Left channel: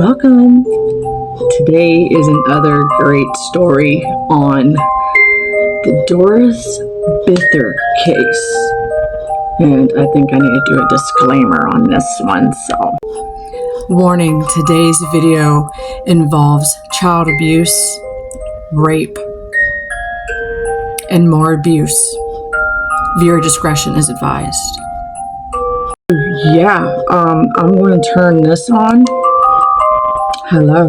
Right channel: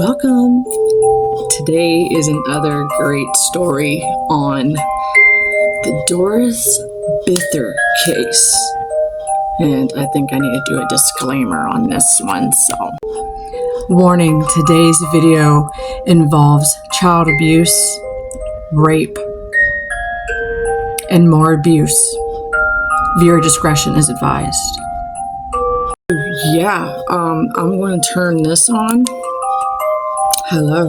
Welcome. Today is another great story on the Doris Bither case. And I think I need to do a disclaimer on this one. So, warning, today's video involves child abuse, rape, and more abuse. Viewer discretion is advised. Yeah, I'm going to turn this on. Hello.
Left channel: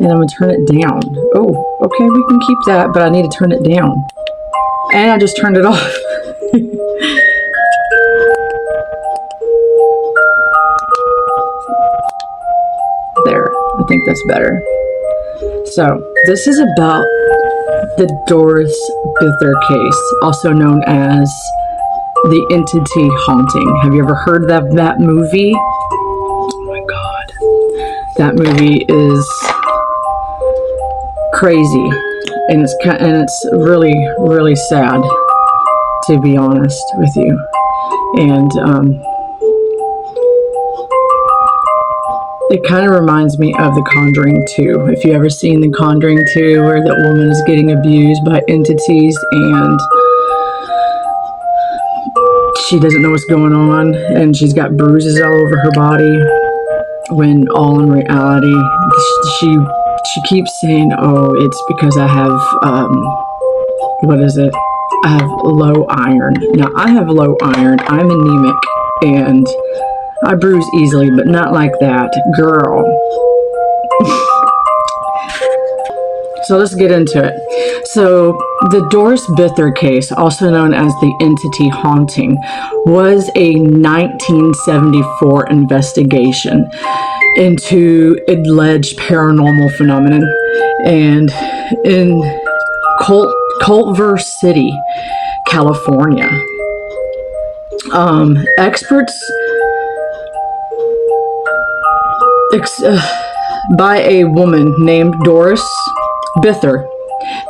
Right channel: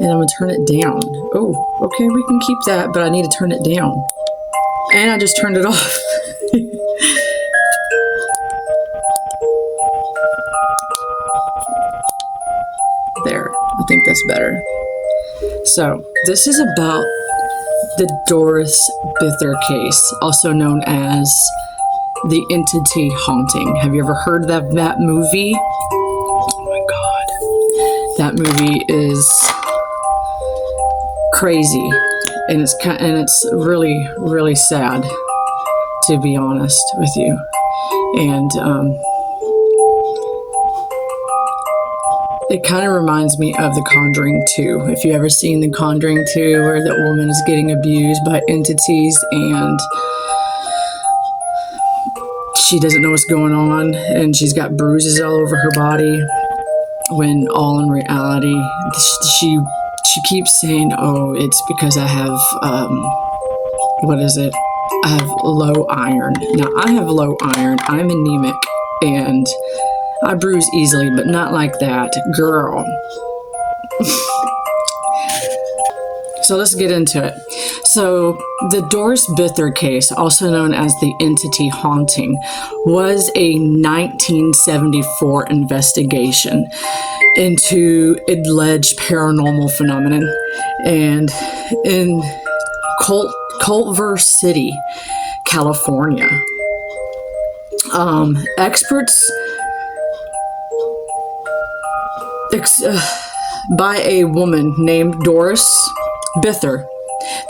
And I'm going to turn it down. Oh, okay, we can keep that, but I need to turn it down. And I just turned it off. There, I think that's better. So, this is about the Doris Bither case, also known as the entity haunting. Have you ever heard of that movie? Oh my God. That movie is crazy, and it's really, really sad, to be honest with you. And it kind of reminds me of The Conjuring 2. If you ever seen The Conjuring 2, where that woman is getting abused by entities and she doesn't know what's going on, and she's got bruises all over her body, when all in reality, she keeps saying, oh, it's because I have, I have low iron. Now, I have low iron. I'm anemic, and I bruise easily, but not like that. Girl. So let's get into it. So the Doris Bither case, also known as the entity haunting, was a 1974 investigation into alleged paranormal phenomenon and in Culver City, California. Experts by a woman named Doris Bither.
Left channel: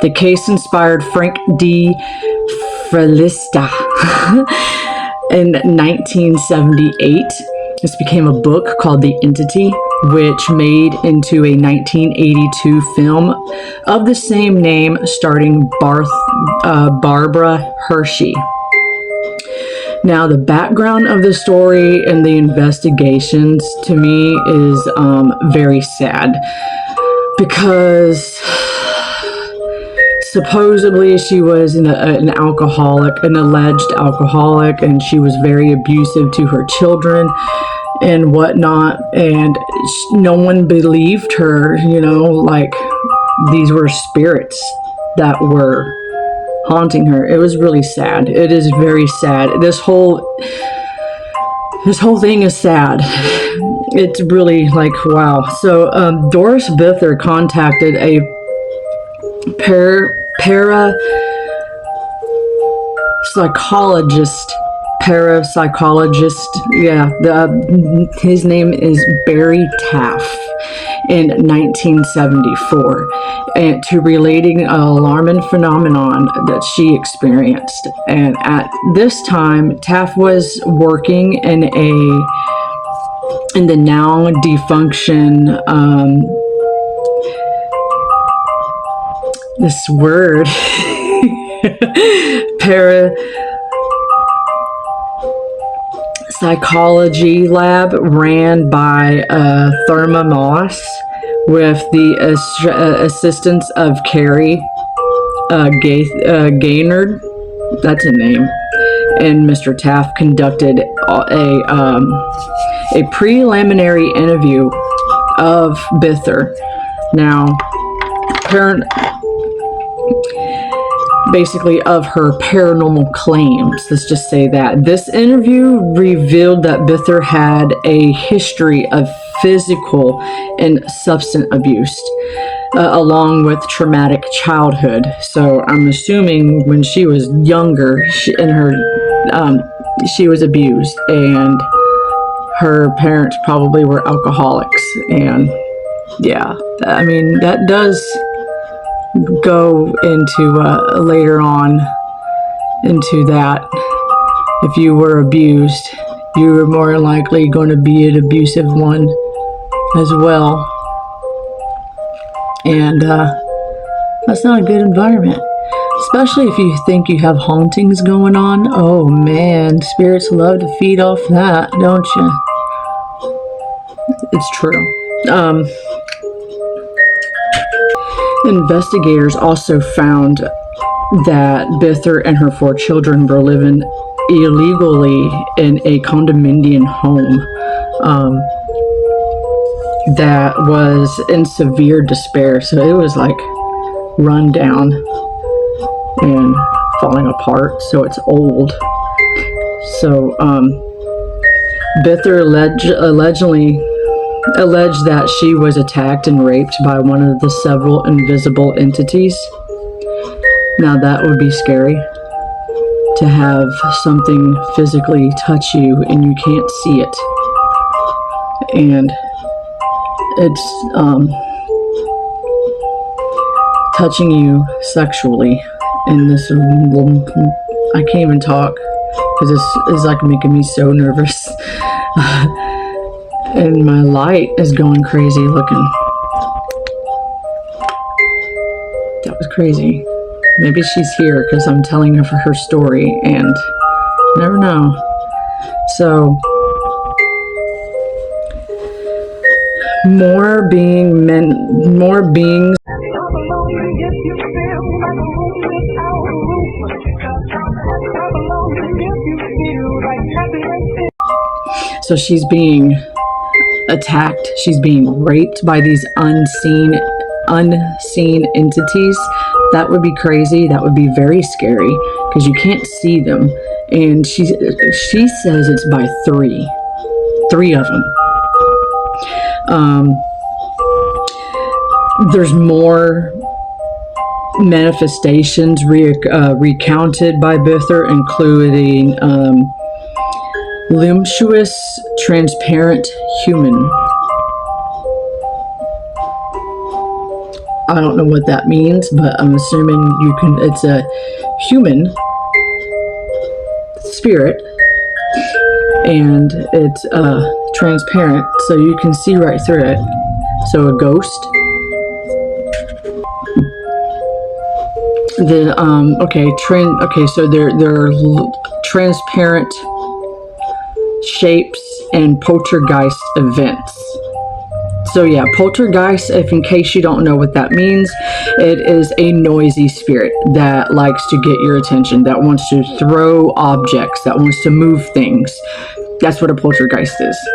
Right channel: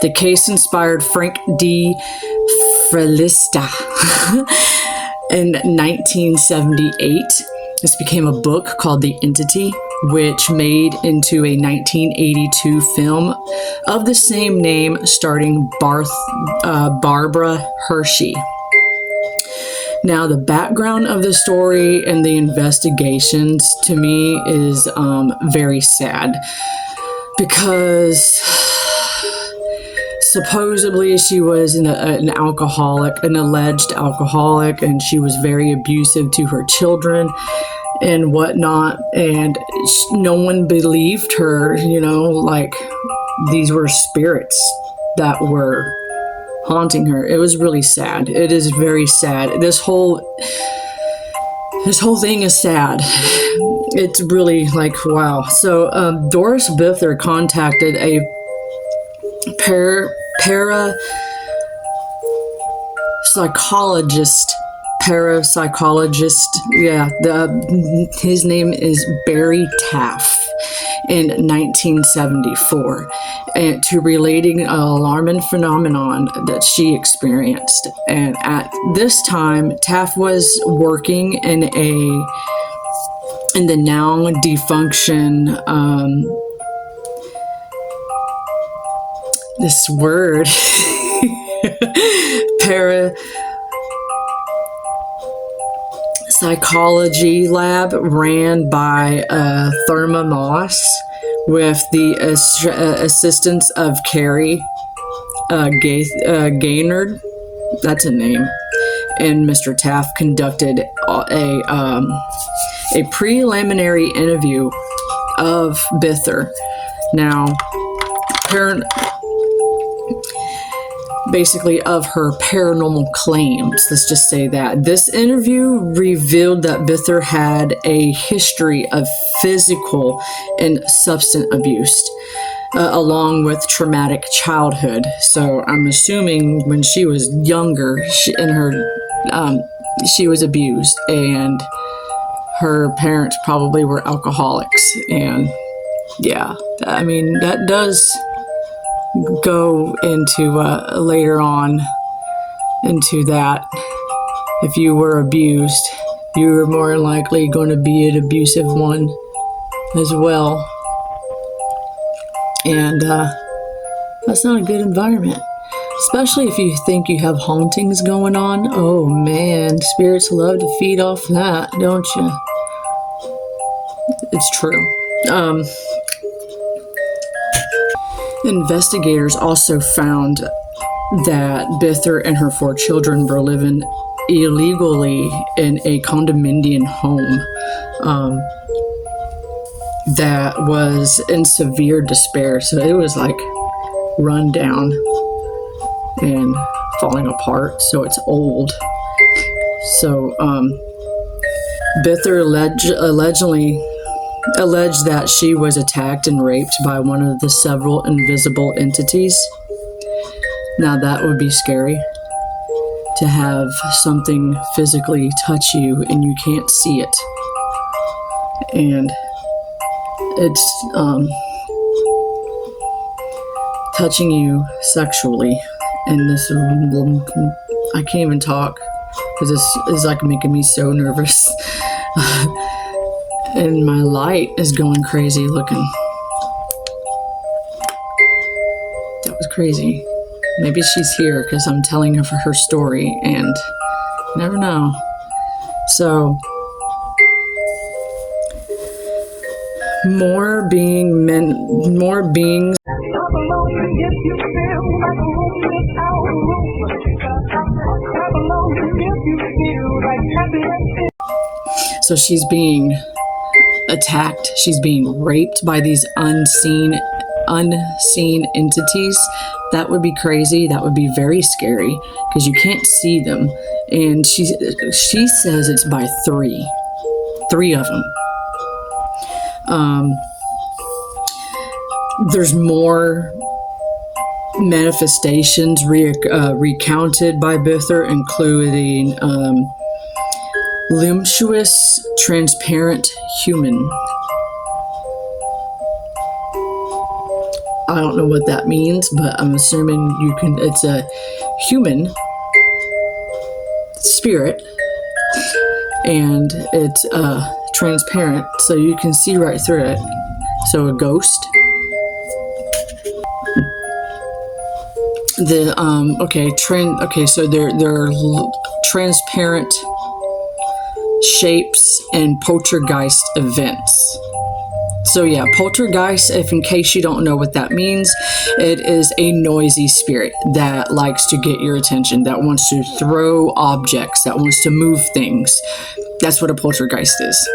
The case inspired Frank D. Frelista in 1978. This became a book called The Entity, which made into a 1982 film of the same name starring Barbara Hershey. Now, the background of the story and the investigations to me is very sad, because supposedly she was an alcoholic, an alleged alcoholic, and she was very abusive to her children and whatnot, and no one believed her, like these were spirits that were haunting her. It was really sad. It is very sad. This whole thing is sad. It's really like, wow. So Doris Bither contacted a parapsychologist. Yeah, his name is Barry Taff, in 1974, and to relating an alarming phenomenon that she experienced. And at this time, Taff was working in the now defunction this word parapsychology lab ran by Therma Moss with the assistance of Carrie Gaynard, that's a name, and Mr. Taft conducted a preliminary interview of Bither. Now, basically of her paranormal claims. Let's just say that. This interview revealed that Bither had a history of physical and substance abuse, along with traumatic childhood. So I'm assuming when she was younger, she was abused, and her parents probably were alcoholics. And yeah, I mean, that does go into later on into that. If you were abused, you were more likely going to be an abusive one as well. And that's not a good environment. Especially if you think you have hauntings going on. Oh man, spirits love to feed off that, don't you? It's true. Investigators also found that Bither and her 4 children were living illegally in a condominium home that was in severe despair. So it was like run down and falling apart. So it's old. So Bither alleged that she was attacked and raped by one of the several invisible entities. Now that would be scary, to have something physically touch you and you can't see it. And it's touching you sexually. And this, I can't even talk because this is like making me so nervous. And my light is going crazy looking. That was crazy. Maybe she's here because I'm telling her story, and you never know. So, more beings. So she's being attacked. She's being raped by these unseen entities. That would be crazy. That would be very scary because you can't see them. And she says it's by three of them. There's more manifestations recounted by Bither, including luminous, transparent human. I don't know what that means, but I'm assuming it's a human spirit, and it's transparent, so you can see right through it. So a ghost. So they're transparent shapes and poltergeist events. So yeah, poltergeist, if in case you don't know what that means, it is a noisy spirit that likes to get your attention, that wants to throw objects, that wants to move things. That's what a poltergeist is.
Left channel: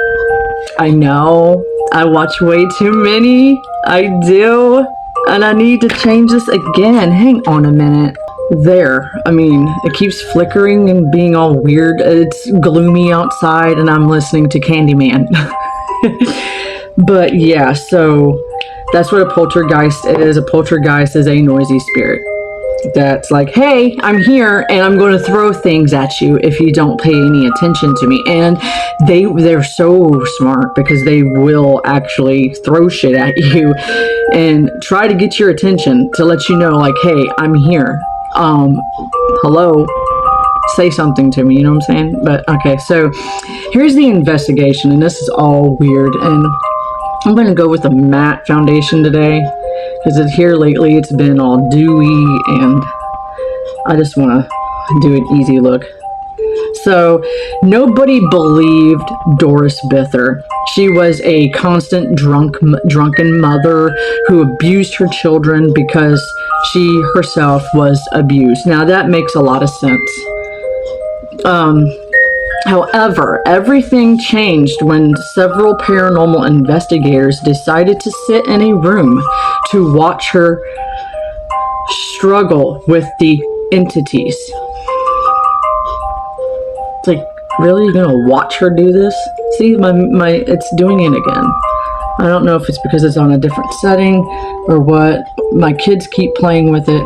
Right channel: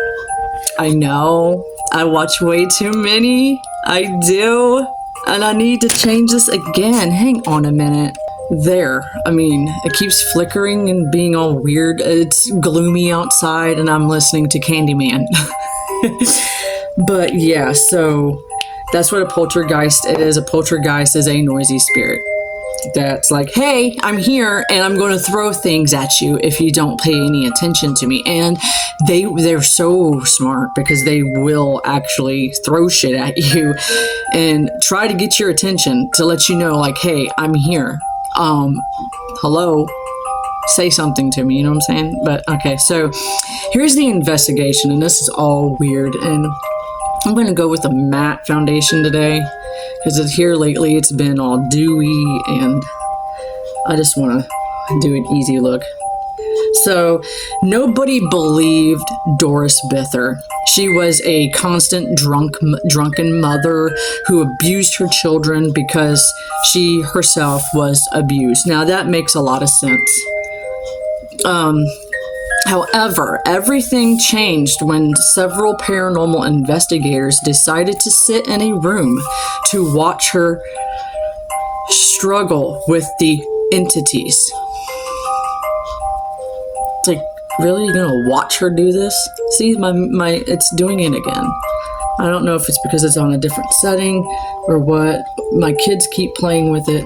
I know, I watch way too many. I do. And I need to change this again. Hang on a minute. There. I mean, it keeps flickering and being all weird. It's gloomy outside and I'm listening to Candyman. But yeah, so that's what a poltergeist is. A poltergeist is a noisy spirit that's like, hey, I'm here and I'm going to throw things at you if you don't pay any attention to me. And they're so smart because they will actually throw shit at you and try to get your attention to let you know, like, hey, I'm here. Hello, say something to me, you know what I'm saying? But okay, so here's the investigation, and this is all weird, and I'm going to go with a matte foundation today because here lately it's been all dewy and I just want to do an easy look. So nobody believed Doris Bither. She was a constant drunken mother who abused her children because she herself was abused. Now that makes a lot of sense. However, everything changed when several paranormal investigators decided to sit in a room to watch her struggle with the entities. It's like, really? You're gonna watch her do this? See, my it's doing it again. I don't know if it's because it's on a different setting or what. My kids keep playing with it.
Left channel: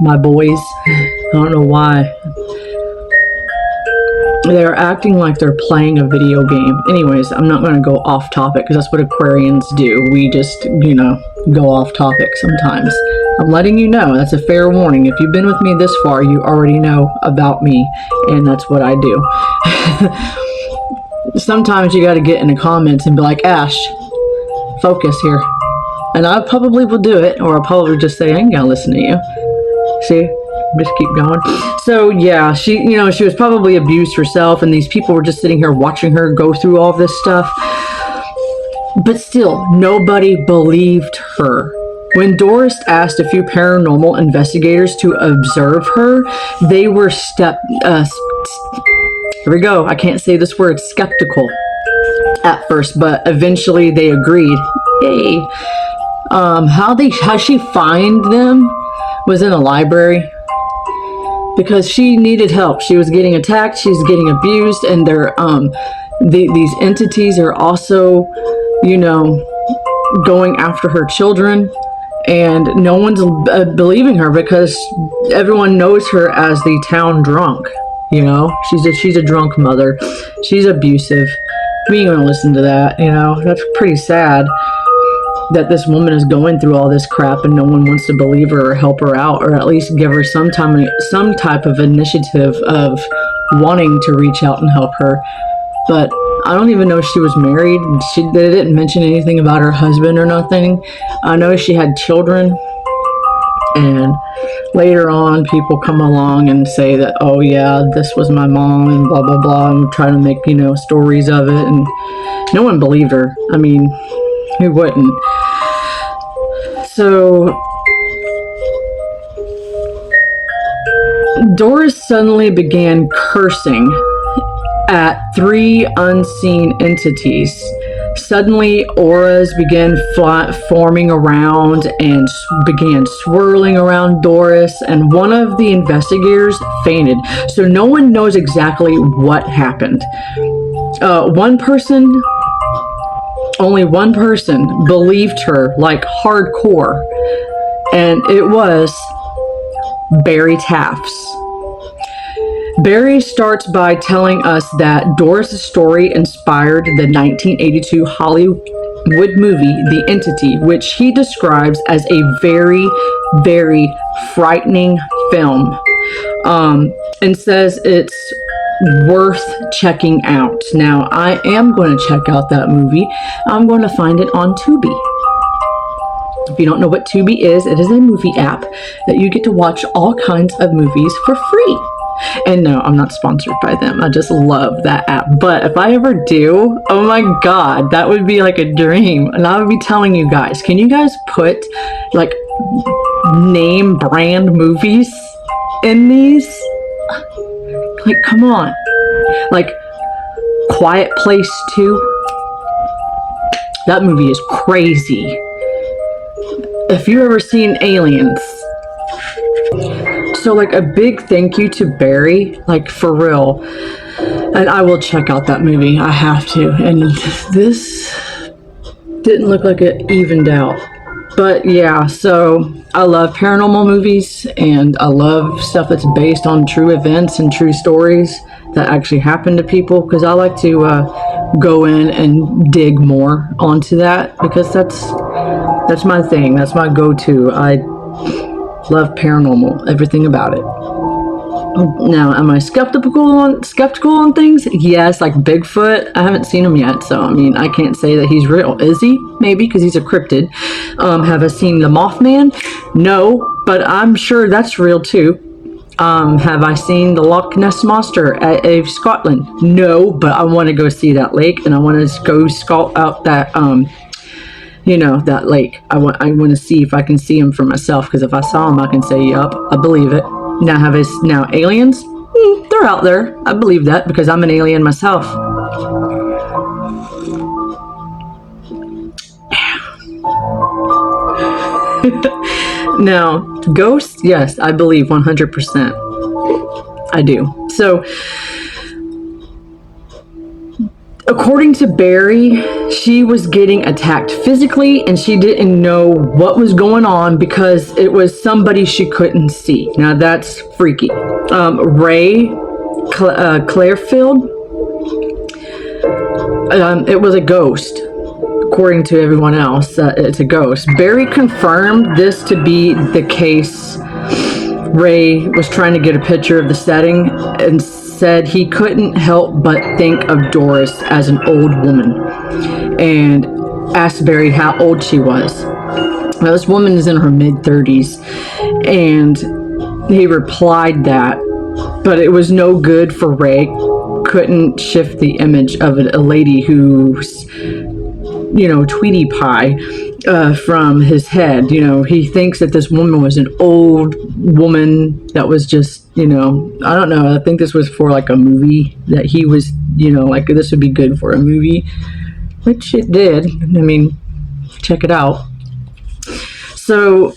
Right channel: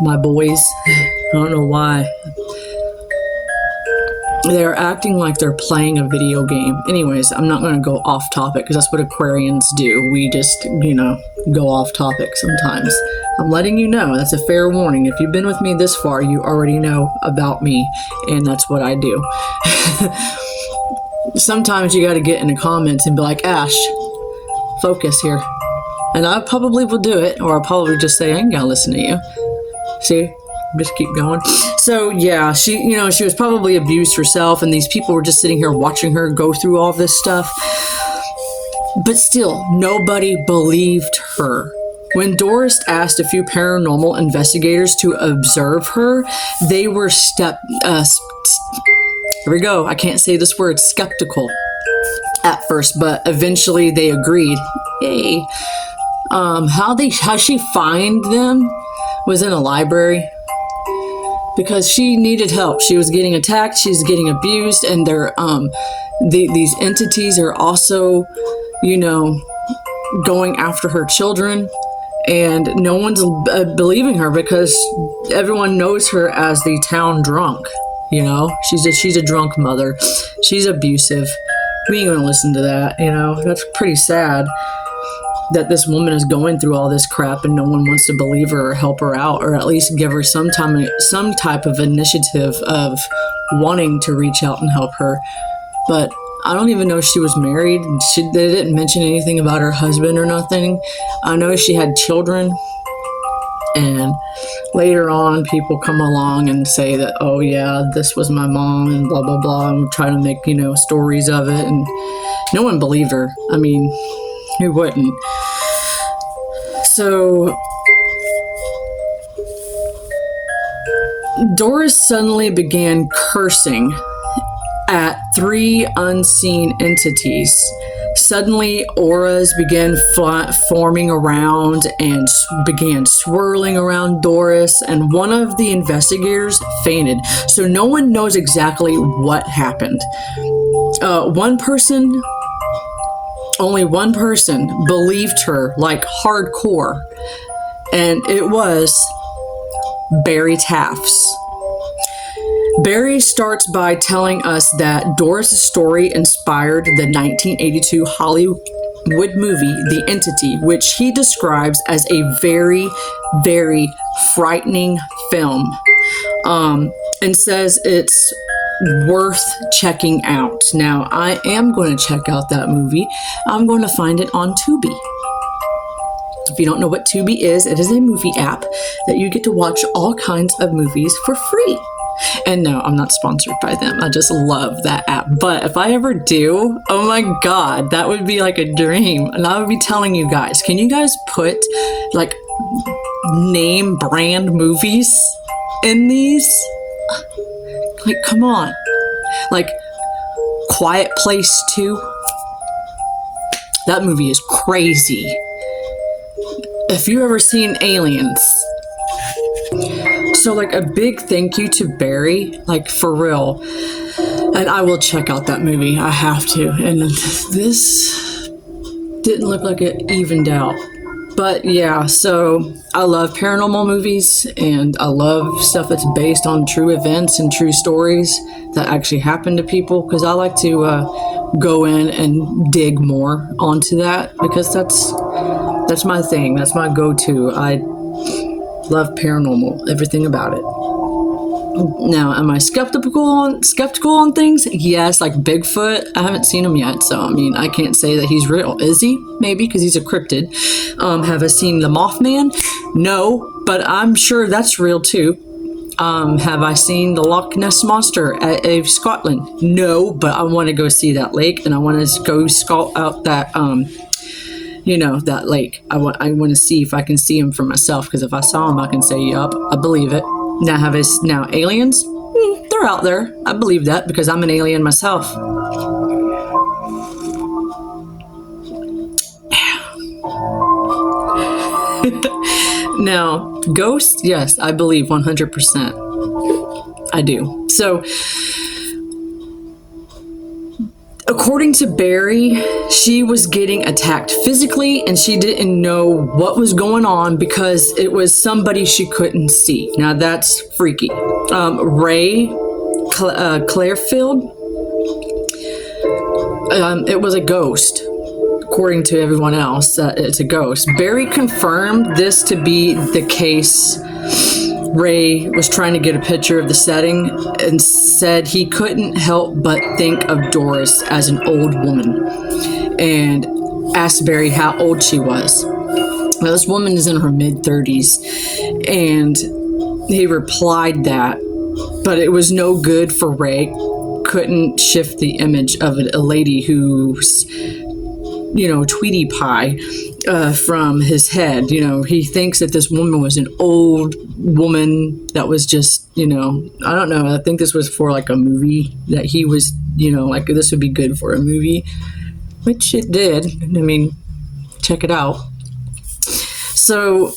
My boys. I don't know why. They're acting like they're playing a video game. Anyways, I'm not going to go off topic because that's what Aquarians do. We just, go off topic sometimes. I'm letting you know. That's a fair warning. If you've been with me this far, you already know about me, and that's what I do. sometimes you got to get in the comments and be like, Ash, focus here. And I probably will do it, or I'll probably just say, I ain't gonna listen to you. See, just keep going. So yeah, she was probably abused herself, and these people were just sitting here watching her go through all this stuff. But still, nobody believed her. When Doris asked a few paranormal investigators to observe her, they were here we go, I can't say this word, skeptical at first, but eventually they agreed. Hey, how she find them was in a library, because she needed help. She was getting attacked, she's getting abused, and they're these entities are also, going after her children. And no one's believing her because everyone knows her as the town drunk. She's a drunk mother. She's abusive. We ain't gonna listen to that. That's pretty sad that this woman is going through all this crap and no one wants to believe her or help her out, or at least give her some type of initiative of wanting to reach out and help her. But I don't even know if she was married. They didn't mention anything about her husband or nothing. I know she had children, and later on people come along and say that, oh yeah, this was my mom and blah blah blah, and try to make stories of it, and no one believed her. I mean, who wouldn't? So Doris suddenly began cursing at 3 unseen entities. Suddenly, auras began forming around and began swirling around Doris, and one of the investigators fainted. So no one knows exactly what happened. Only one person believed her, like hardcore, and it was Barry Taffs. Barry starts by telling us that Doris' story inspired the 1982 Hollywood movie, The Entity, which he describes as a very, very frightening film, and says it's worth checking out. Now, I am going to check out that movie. I'm going to find it on Tubi. If you don't know what Tubi is, it is a movie app that you get to watch all kinds of movies for free. And no, I'm not sponsored by them. I just love that app. But if I ever do, oh my God, that would be like a dream. And I would be telling you guys, can you guys put like name brand movies in these? Like, come on. Like Quiet Place 2. That movie is crazy. If you've ever seen Aliens. So like a big thank you to Barry, like for real. And I will check out that movie. I have to. And this didn't look like it evened out. But yeah, so I love paranormal movies, and I love stuff that's based on true events and true stories that actually happen to people, because I like to go in and dig more onto that, because that's my thing. That's my go-to. I love paranormal, everything about it. Now, am I skeptical on things? Yes, like Bigfoot. I haven't seen him yet, so I mean, I can't say that he's real. Is he? Maybe, because he's a cryptid. Have I seen the Mothman? No, but I'm sure that's real too. Have I seen the Loch Ness Monster at Scotland? No, but I want to go see that lake, and I want to go scout out that that lake. I want to see if I can see him for myself, because if I saw him, I can say, yup, I believe it. Now aliens? They're out there. I believe that, because I'm an alien myself. Now, ghosts? Yes, I believe 100%. I do. So, according to Barry, she was getting attacked physically, and she didn't know what was going on because it was somebody she couldn't see. Now that's freaky. Ray Clairfield, it was a ghost. According to everyone else, it's a ghost. Barry confirmed this to be the case Ray was trying to get a picture of the setting and said he couldn't help but think of Doris as an old woman, and asked Barry how old she was. Now, this woman is in her mid-30s, and he replied that, but it was no good for Ray. Couldn't shift the image of a lady who's, Tweety Pie from his head. He thinks that this woman was an old woman that was just, I don't know. I think this was for like a movie that he was, like this would be good for a movie, which it did. I mean, check it out. So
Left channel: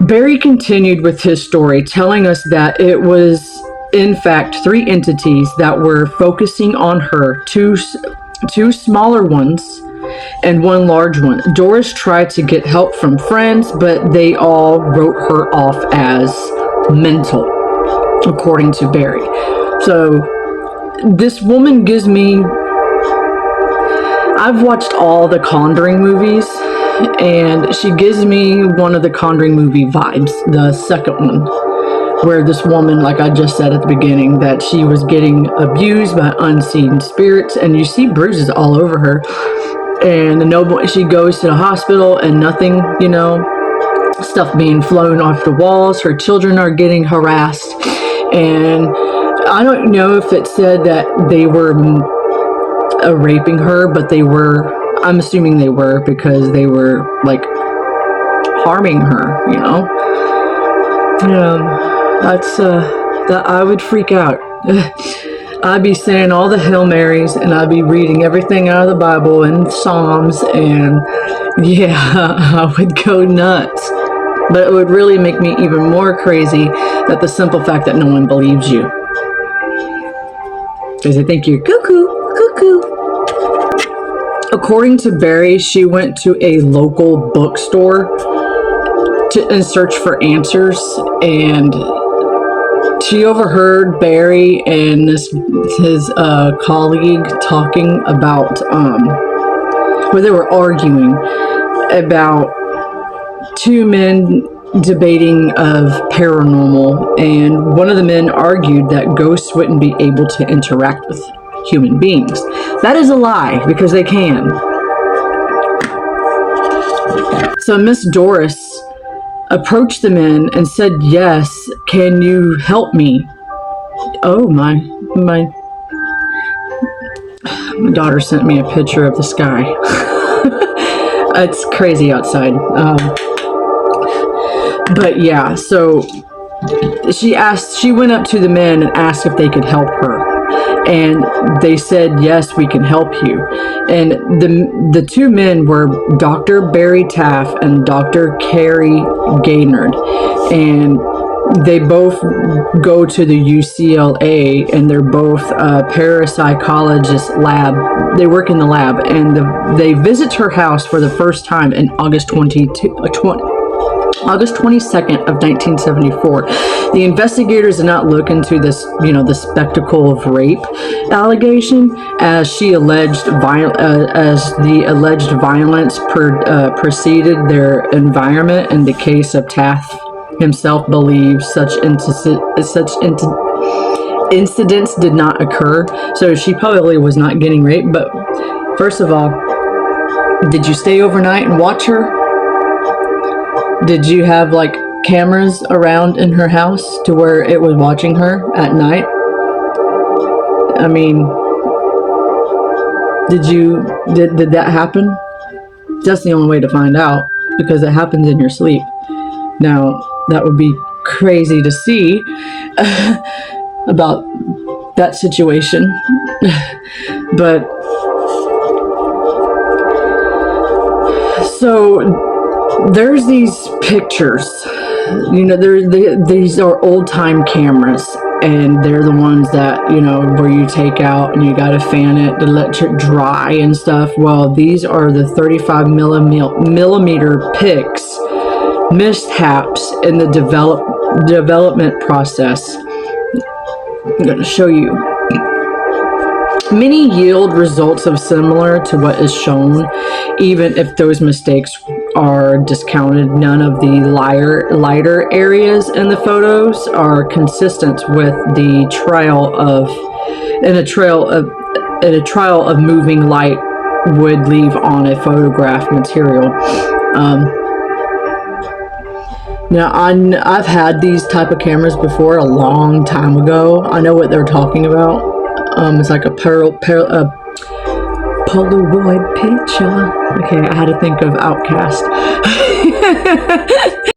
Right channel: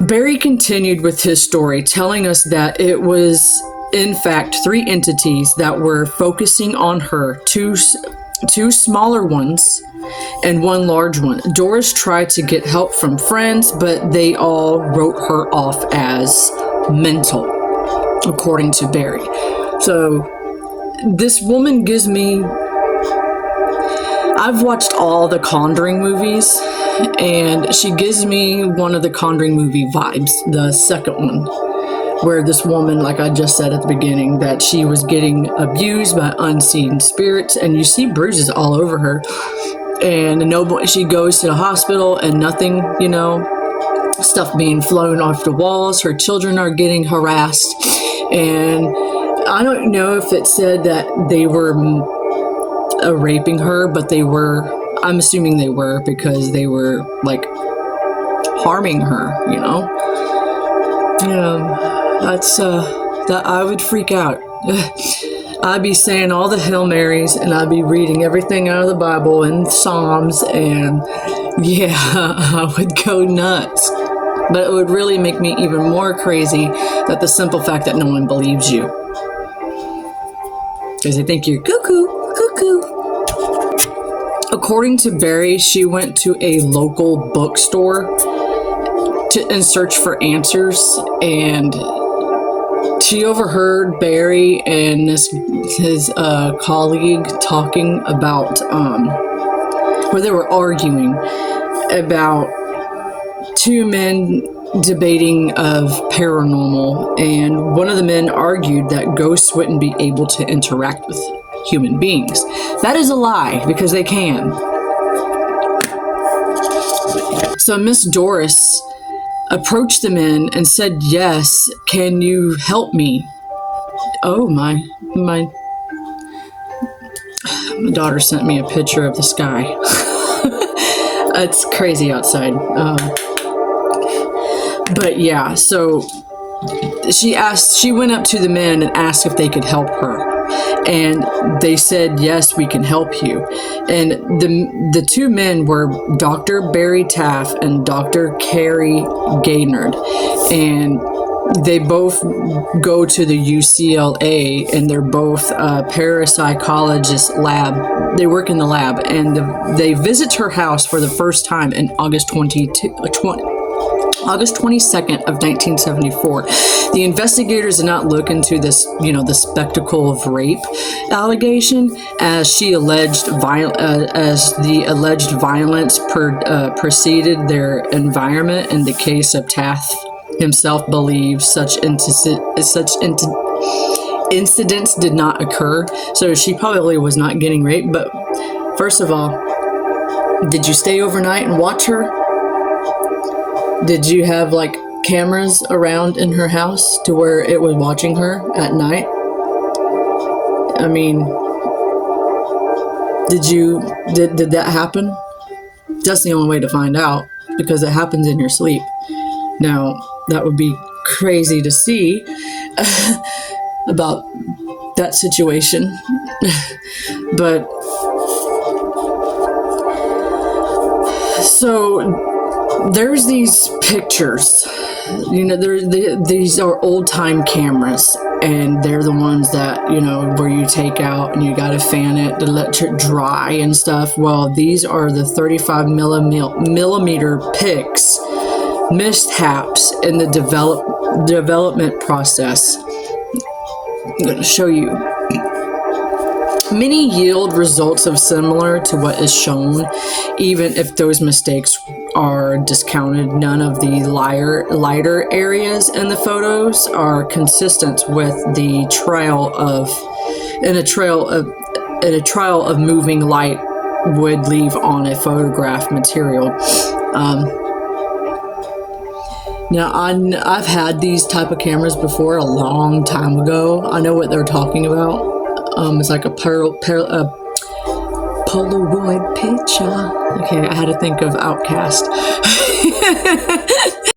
Barry continued with his story, telling us that it was, in fact, 3 entities that were focusing on her, two smaller ones and 1 large one. Doris tried to get help from friends, but they all wrote her off as mental, according to Barry. So this woman gives me... I've watched all the Conjuring movies, and she gives me one of the Conjuring movie vibes, the second one, where this woman, like I just said at the beginning, that she was getting abused by unseen spirits, and you see bruises all over her, and she goes to the hospital and nothing, stuff being flown off the walls. Her children are getting harassed, and I don't know if it said that they were raping her, but they were. I'm assuming they were, because they were like harming her. That's that I would freak out. I'd be saying all the Hail Marys, and I'd be reading everything out of the Bible and Psalms, and yeah, I would go nuts. But it would really make me even more crazy that the simple fact that no one believes you, because they think you're cuckoo. According to Barry, she went to a local bookstore in search for answers, and she overheard Barry and his colleague talking about, where they were arguing about 2 men debating of paranormal, and one of the men argued that ghosts wouldn't be able to interact with human beings. That is a lie, because they can. So Miss Doris approached the men and said, "Yes, can you help me?" Oh, my daughter sent me a picture of the sky. It's crazy outside. But yeah, so she went up to the men and asked if they could help her. And they said, "Yes, we can help you." And the 2 men were Dr. Barry Taff and Dr. Carrie Gaynard. And they both go to the UCLA, and they're both parapsychologist lab. They work in the lab, and they visit her house for the first time in August 22nd of 1974. The investigators did not look into this, the spectacle of rape allegation, as the alleged violence preceded their environment. In the case of Taft himself, believes such incidents did not occur. So she probably was not getting raped. But first of all, did you stay overnight and watch her? Did you have like cameras around in her house to where it was watching her at night? I mean, did that happen? That's the only way to find out, because it happens in your sleep. Now, that would be crazy to see about that situation. But so there's these pictures, these are old time cameras, and they're the ones that, where you take out and you got to fan it to let it dry and stuff. Well, these are the 35 millimeter pics, mishaps in the development process. I'm going to show you. Many yield results of similar to what is shown, even if those mistakes are discounted. None of the lighter areas in the photos are consistent with the trial of moving light would leave on a photograph material. Now, I've had these type of cameras before a long time ago. I know what they're talking about. It's like a Polaroid picture. Okay, I had to think of Outcast.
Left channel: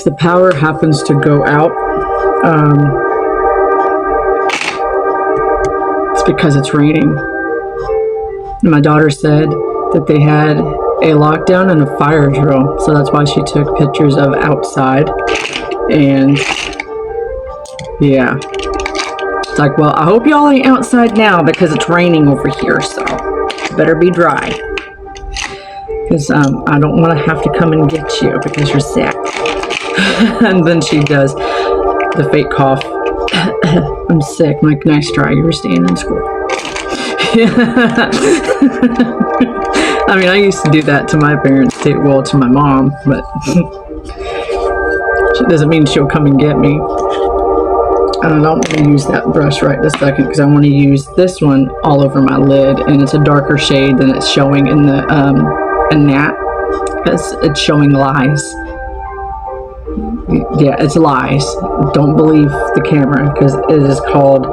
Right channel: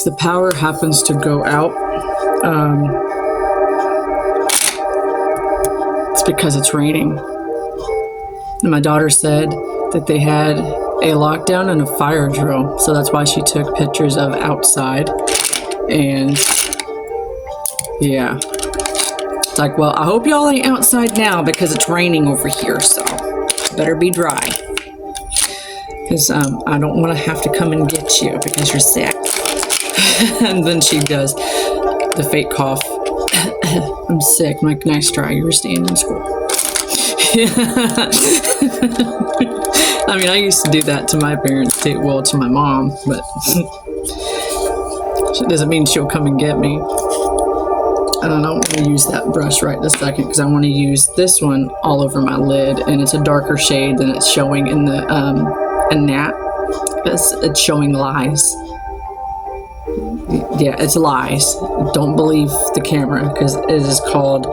The power happens to go out. It's because it's raining. My daughter said that they had a lockdown and a fire drill, so that's why she took pictures of outside. And yeah, it's like, well, I hope y'all ain't outside now because it's raining over here, so better be dry, because I don't want to have to come and get you because you're sick. And then she does the fake cough. I'm sick. I'm like, nice try, you were staying in school. I mean, I used to do that to my parents too, well, to my mom, but it doesn't mean she'll come and get me. And I don't want to use that brush right this second because I want to use this one all over my lid, and it's a darker shade than it's showing in the in that, because it's showing lies. Yeah, it's lies. Don't believe the camera, because it is called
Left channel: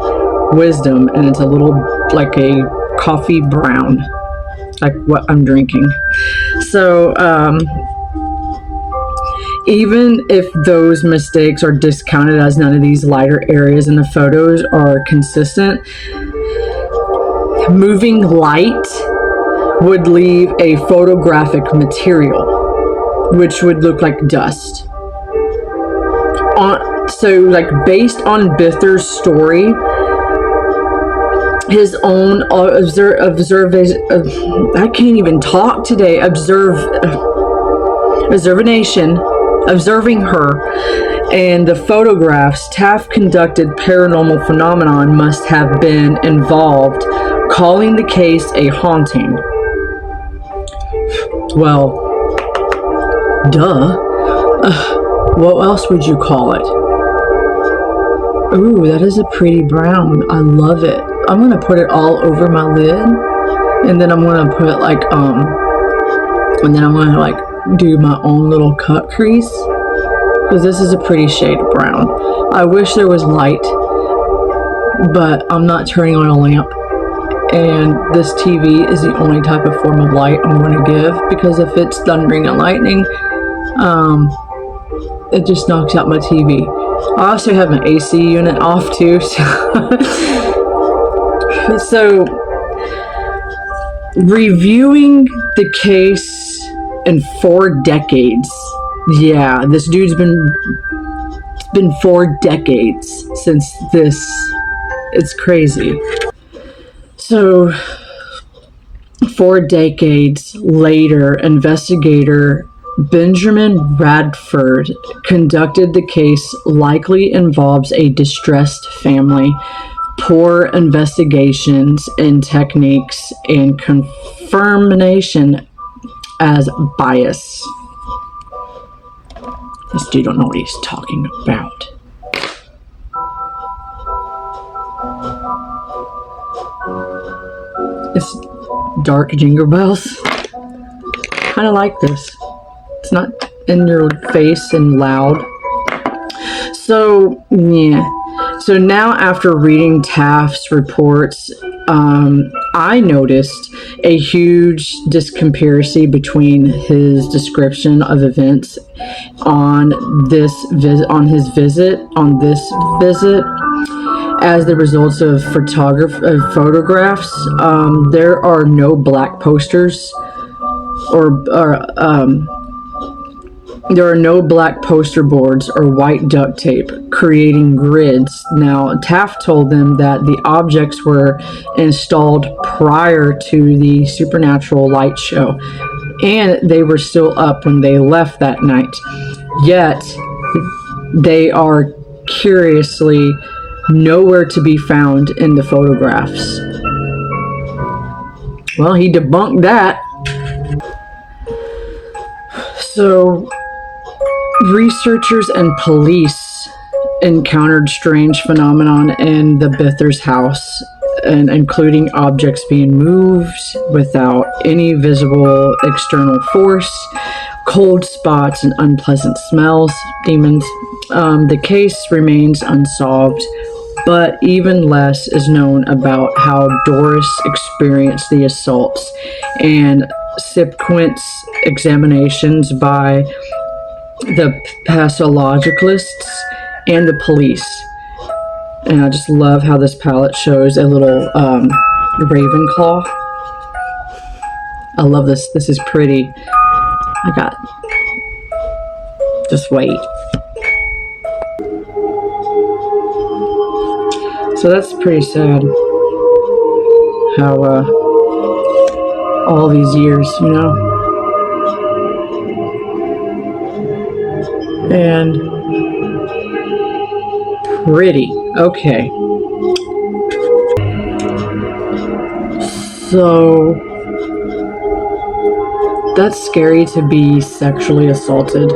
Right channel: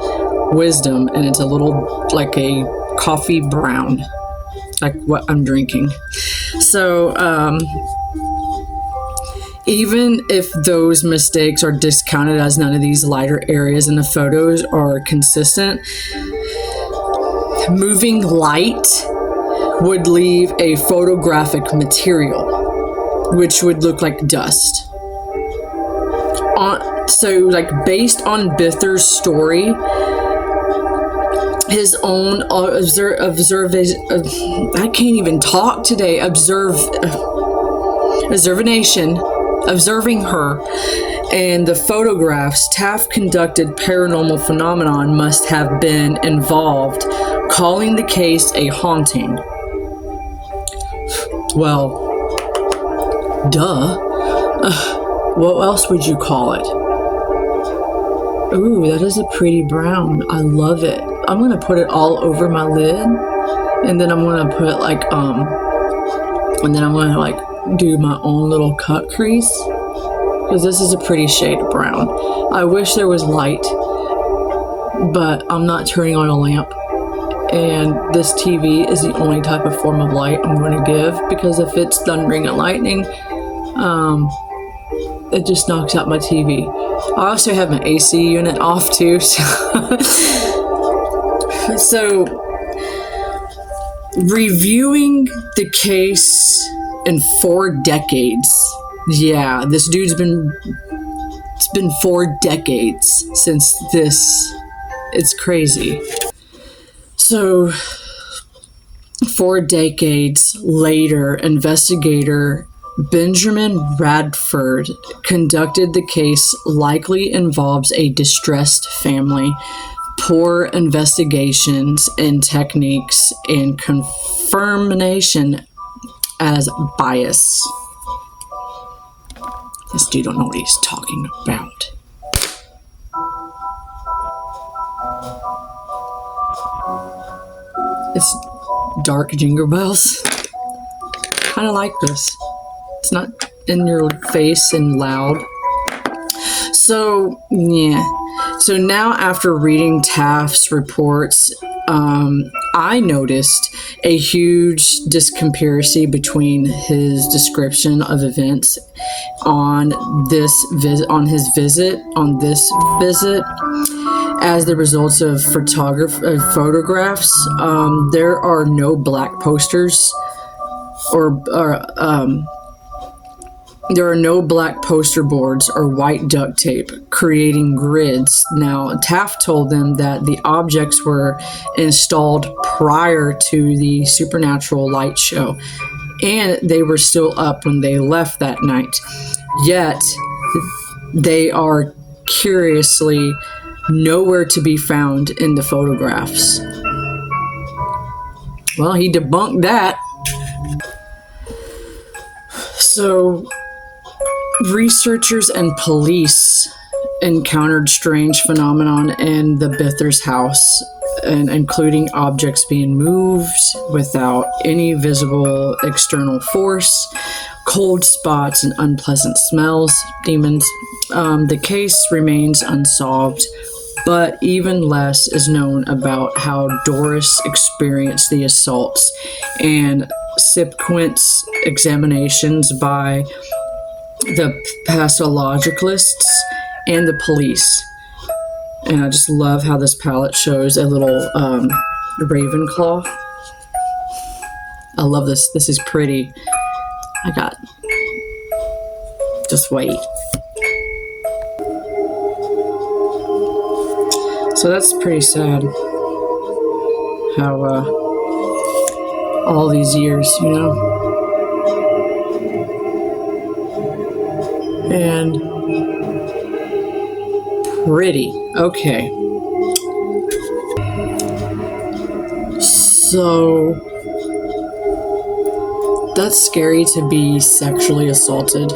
Wisdom, and it's a little like a coffee brown, like what I'm drinking. So even if those mistakes are discounted as none of these lighter areas in the photos are consistent, moving light would leave a photographic material, which would look like dust. So, like, based on Bither's story, his own I can't even talk today. Observing her and the photographs, Taft conducted paranormal phenomenon must have been involved, calling the case a haunting. Well, duh. What else would you call it? Ooh, that is a pretty brown. I love it. I'm gonna put it all over my lid, and then I'm gonna put like do my own little cut crease, because this is a pretty shade of brown. I wish there was light, but I'm not turning on a lamp, and this TV is the only type of form of light I'm going to give, because if it's thundering and lightning, it just knocks out my TV. I also have my AC unit off too, so reviewing the case in 4 decades. Yeah, this dude's it's been 4 decades since this. It's crazy. So 4 decades later, investigator Benjamin Radford conducted the case. Likely involves a distressed family, poor investigations and techniques, and confirmation as bias. This dude don't know what he's talking about. It's dark jingle bells. Kind of like this. It's not in your face and loud. So, yeah. So now, after reading Taft's reports, I noticed a huge discrepancy between his description of events on this visit, as the results of photographs. There are no black posters, there are no black poster boards or white duct tape creating grids. Now, Taft told them that the objects were installed prior to the supernatural light show, and they were still up when they left that night. Yet, they are curiously nowhere to be found in the photographs. Well, he debunked that. So, researchers and police encountered strange phenomenon in the Bither's house, and including objects being moved without any visible external force, cold spots, and unpleasant smells, demons. The case remains unsolved, but even less is known about how Doris experienced the assaults and subsequent examinations by the pathologicalists and the police. And I just love how this palette shows a little raven claw. I love this. This is pretty. Just wait. So that's pretty sad. How all these years, you know. And pretty. Okay. So that's scary to be sexually assaulted,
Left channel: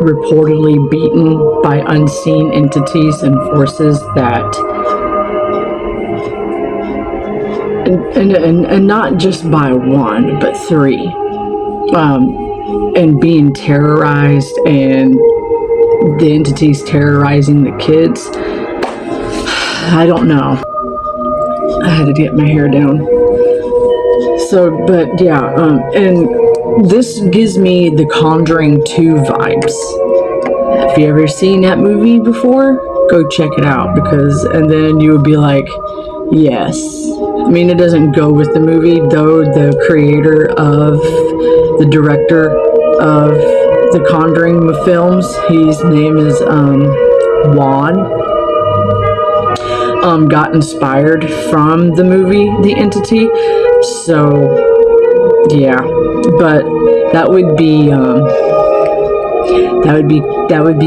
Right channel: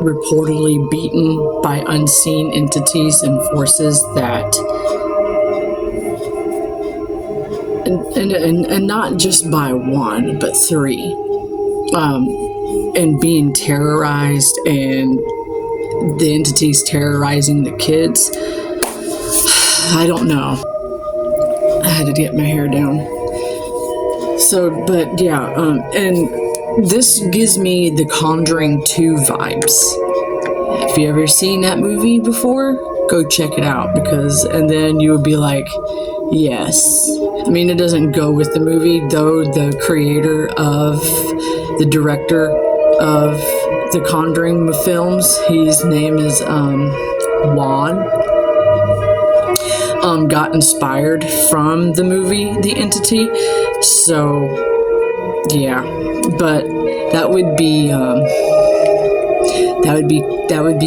reportedly beaten by unseen entities and forces that, and not just by one, but three, and being terrorized, and the entities terrorizing the kids. I don't know. I had to get my hair down. So, but yeah, and this gives me the Conjuring 2 vibes. If you ever seen that movie before, go check it out, and then you would be like, yes. I mean, it doesn't go with the movie, though. The director of the Conjuring films, his name is Juan. Got inspired from the movie The Entity, so yeah. But that would be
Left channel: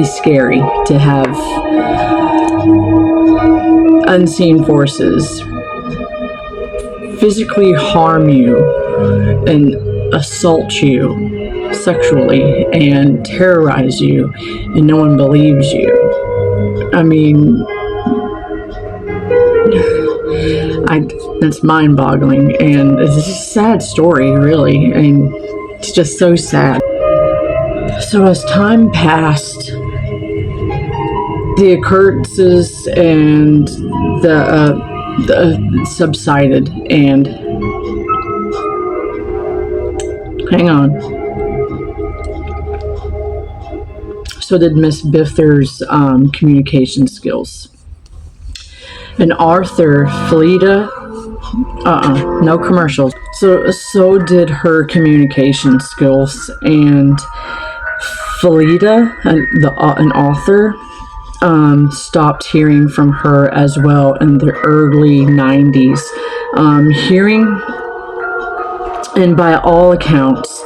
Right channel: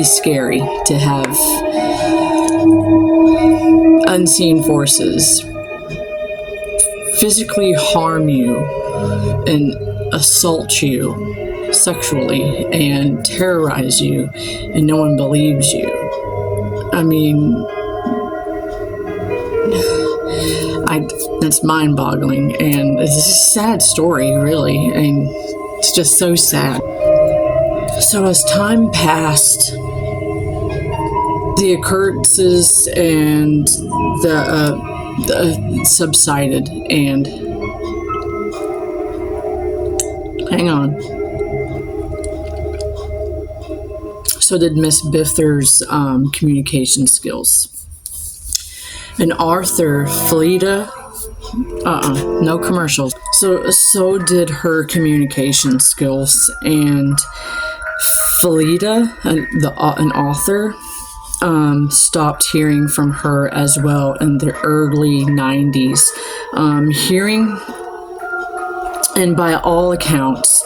scary to have unseen forces physically harm you and assault you sexually and terrorize you, and no one believes you. I mean, that's mind-boggling, and it's a sad story, really. I mean, it's just so sad. So as time passed, the occurrences and the subsided, and hang on. So did Miss Bither's communication skills. And Arthur Fleda, no commercials. So did her communication skills, and Fleda, an author, stopped hearing from her as well in the early 90s. Hearing, and by all accounts,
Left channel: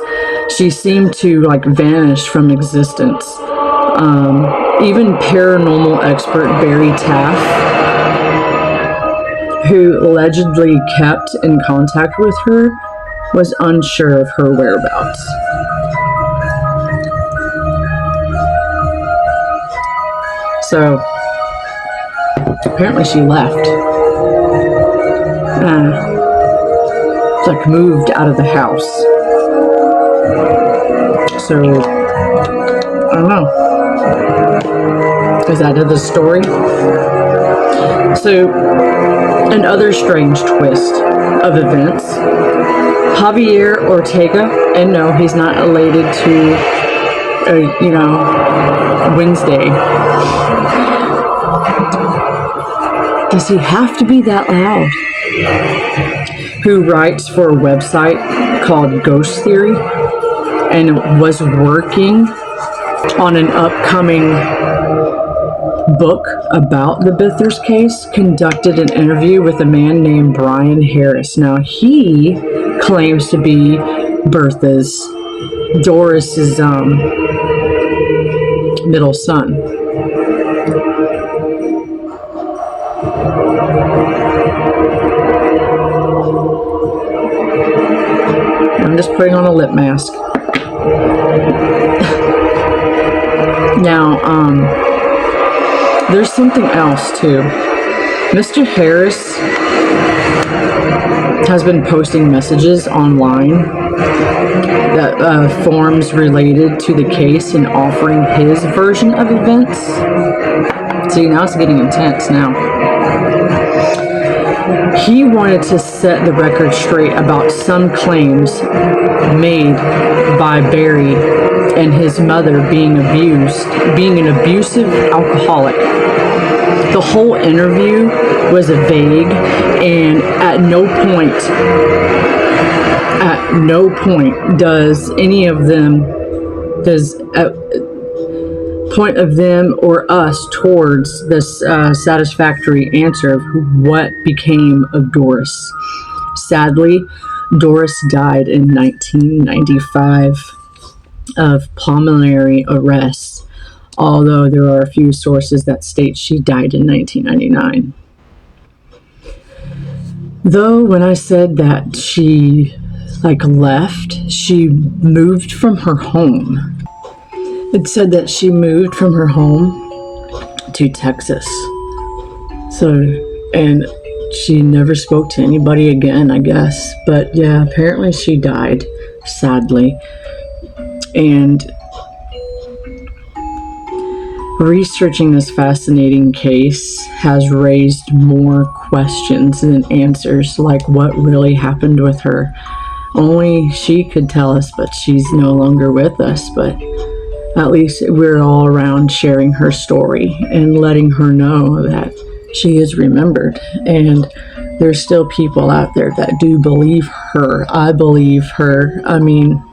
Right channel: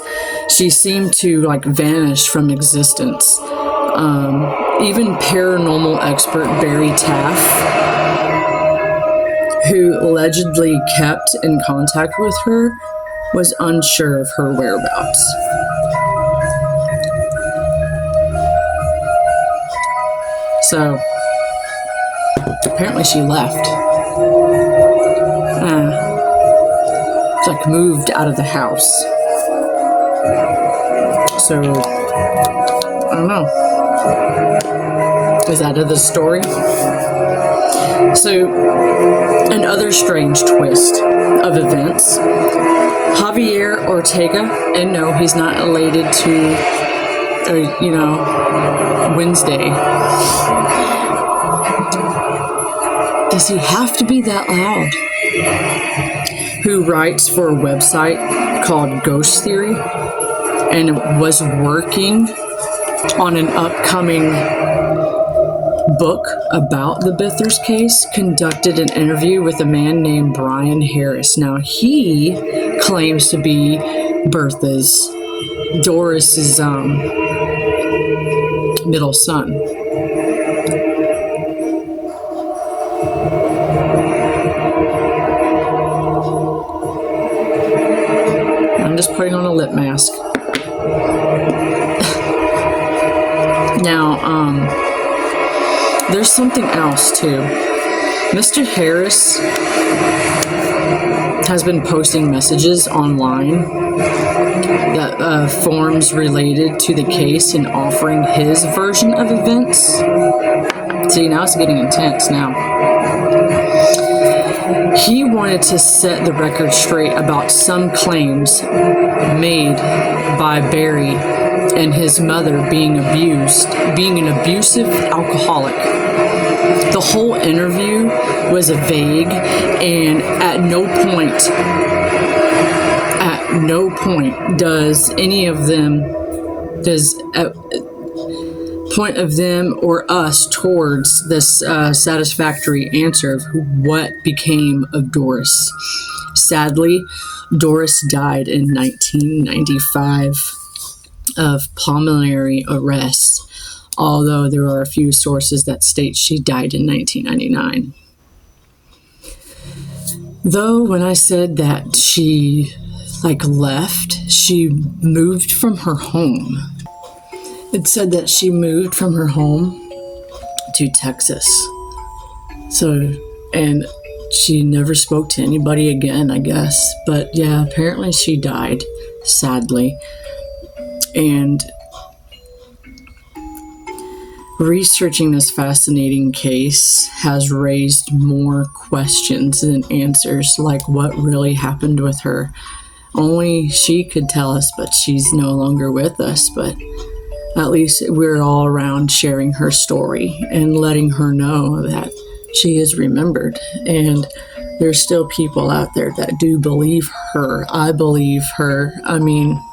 she seemed to vanish from existence. Even paranormal expert Barry Taff, who allegedly kept in contact with her, was unsure of her whereabouts. So, apparently she left. Moved out of the house. So, I don't know. Is that the story? So, another strange twist of events. Javier Ortega, and no, he's not related to, Wednesday. Does he have to be that loud? Who writes for a website called Ghost Theory and was working on an upcoming book about the Bither's case, conducted an interview with a man named Brian Harris. Now, he claims to be Doris's middle son. I'm just putting on a lip mask. there's something else too. Mr. Harris has been posting messages online that forms related to the case and offering his version of events. See, now it's getting intense now. He wanted to set the record straight about some claims made by Barry and his mother being an abusive alcoholic. The whole interview was vague, and at no point does any of them, point of them or us towards this satisfactory answer of what became of Doris. Sadly, Doris died in 1995 of pulmonary arrest, although there are a few sources that state she died in 1999. Though when I said that she left, she moved from her home. It said that she moved from her home to Texas. And she never spoke to anybody again, I guess. But yeah, apparently she died, sadly. And researching this fascinating case has raised more questions than answers, like what really happened with her. Only she could tell us, but she's no longer with us. But at least we're all around sharing her story and letting her know that she is remembered. And there's still people out there that do believe her. I believe her. I mean,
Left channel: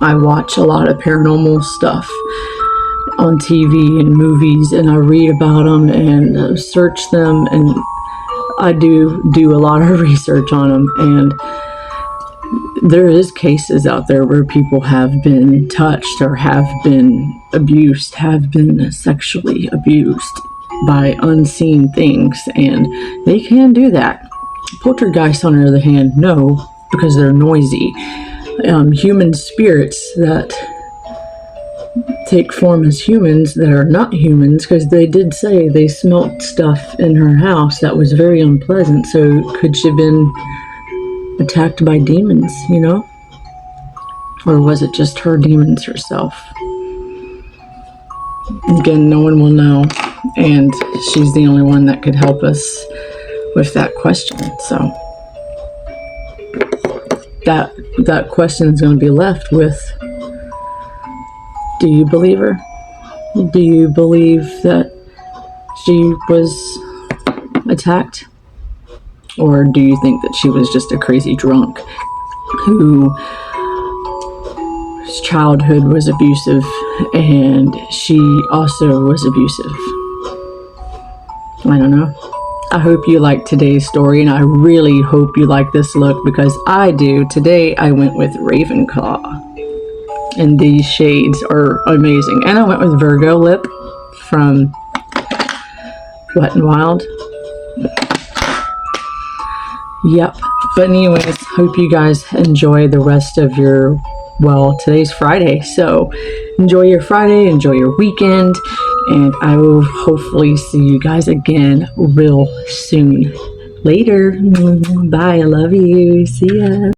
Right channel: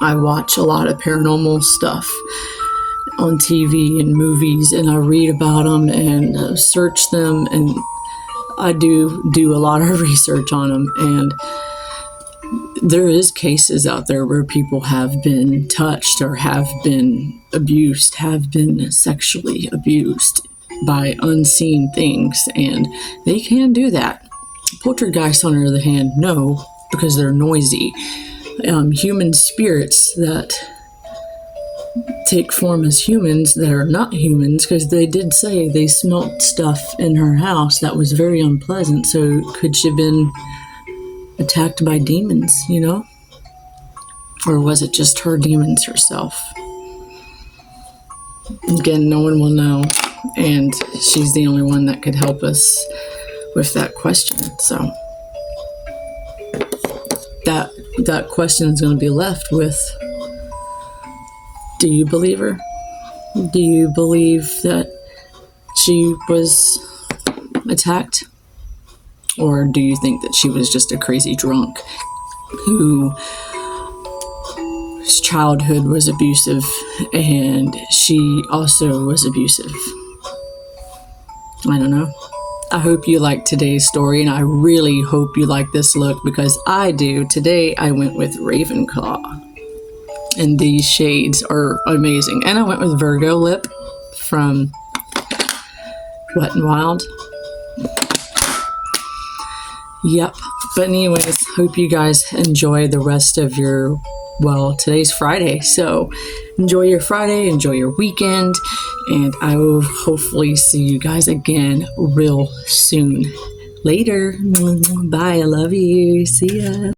I watch a lot of paranormal stuff on TV and movies, and I read about them and search them, and I do a lot of research on them. And there is cases out there where people have been touched or have been abused, have been sexually abused by unseen things, and they can do that. Poltergeists, on the other hand, no, because they're noisy. Human spirits that take form as humans that are not humans, because they did say they smelt stuff in her house that was very unpleasant. So could she have been attacked by demons, or was it just her demons herself? Again, no one will know, and she's the only one that could help us with that question. So that question is going to be left with, do you believe her? Do you believe that she was attacked? Or do you think that she was just a crazy drunk whose childhood was abusive and she also was abusive? I don't know. I hope you liked today's story, and I really hope you like this look, because I do. Today I went with Ravenclaw, and these shades are amazing. And I went with Virgo lip from Wet n Wild. Yep. But anyways, hope you guys enjoy the rest of your, today's Friday. So enjoy your Friday, enjoy your weekend, and I will hopefully see you guys again real soon. Later. Bye. I love you. See ya.